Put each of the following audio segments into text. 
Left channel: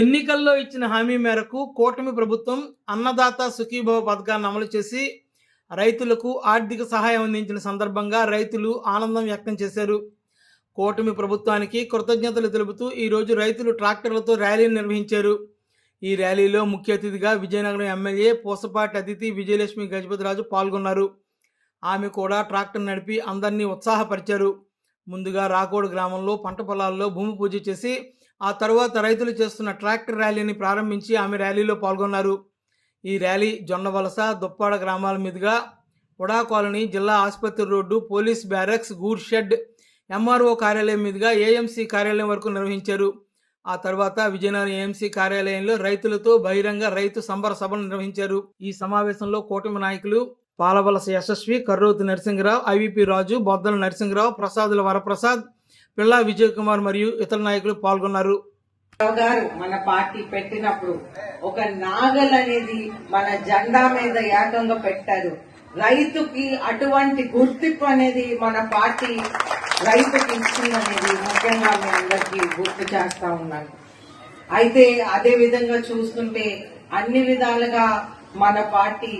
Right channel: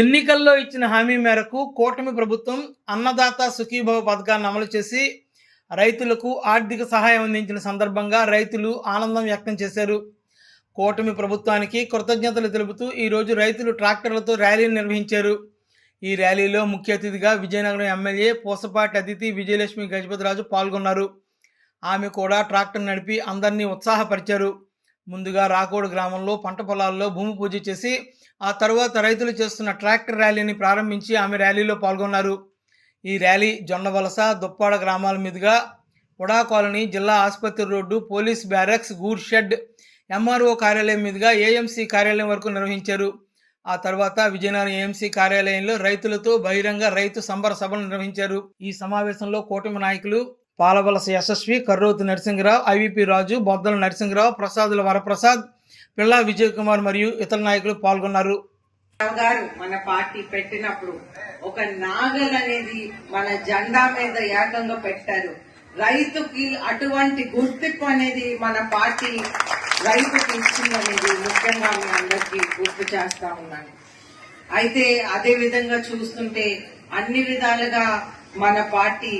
ఎన్నికల్లో ఇచ్చిన హామీ మేరకు కూటమి ప్రభుత్వం అన్నదాత సుఖీభవ పథకాన్ని అమలు చేసి రైతులకు ఆర్థిక సహాయం అందించిన సందర్భంగా రైతులు ఆనందం వ్యక్తం చేశారు. కూటమి ప్రభుత్వానికి కృతజ్ఞతలు తెలుపుతూ ఈరోజు రైతులు ట్రాక్టర్లతో ర్యాలీని నిర్వహించారు. ఈ ర్యాలీలో ముఖ్య అతిథిగా విజయనగరం ఎమ్మెల్యే పూసపాటి అతిథి విజయలక్ష్మి గజపతిరాజు పాల్గొన్నారు. ఆమె కూడా ట్రాక్టర్ నడిపి అందరినీ ఉత్సాహపరిచారు. ముందుగా రాకోడు గ్రామంలో పంట పొలాల్లో భూమి పూజ చేసి ఆ తర్వాత రైతులు చేస్తున్న ట్రాక్టర్ ర్యాలీని ప్రారంభించి ఆమె ర్యాలీలో పాల్గొన్నారు. ఈ ర్యాలీ జొన్నవలస, దుప్పాడ గ్రామాల మీదుగా ఉడా కాలనీ, జిల్లా ఆసుపత్రి road, police barracks, good shed, MRO కార్యాలయం మీదుగా ఏఎంసీ కార్యాలయం వరకు నిర్వహించారు. ఆ తర్వాత విజయనగరం ఏఎంసీ కార్యాలయంలో రైతులతో బహిరంగ రైతు సంబర సభలు నిర్వహించారు. ఈ సమావేశంలో కూటమి నాయకులు పాలవలస యశస్వి, కర్రోతు నరసింహరావు, ఐవీపీ రాజు, బొద్దల నరసింహరావు, ప్రసాదుల వరప్రసాద్, పిల్లా విజయ్ కుమార్ మరియు ఇతర నాయకులు పాల్గొన్నారు. మన పార్టీ పెట్టినప్పుడు ఒక నాగల్ అనేది మన జెండా మీద ఏకంగా పెట్టారు. రైతుకి అటువంటి గుర్తింపు అనేది మన పార్టీ రైతుకి ఇచ్చిందనేది ముఖ్యంగా మీ అందరికీ గుర్తు చేస్తా ఉన్నాను. అయితే అదే విధంగా చూస్తుంటే అన్ని విధాలుగా మన పార్టీ,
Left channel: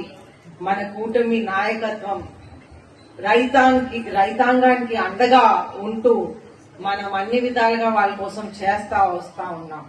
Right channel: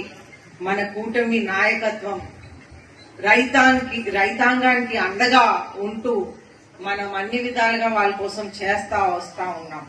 మన కూటమి నాయకత్వం రైతాంగానికి అండగా ఉంటూ మనం అన్ని విధాలుగా వాళ్ళ కోసం చేస్తా వస్తా ఉన్నాం.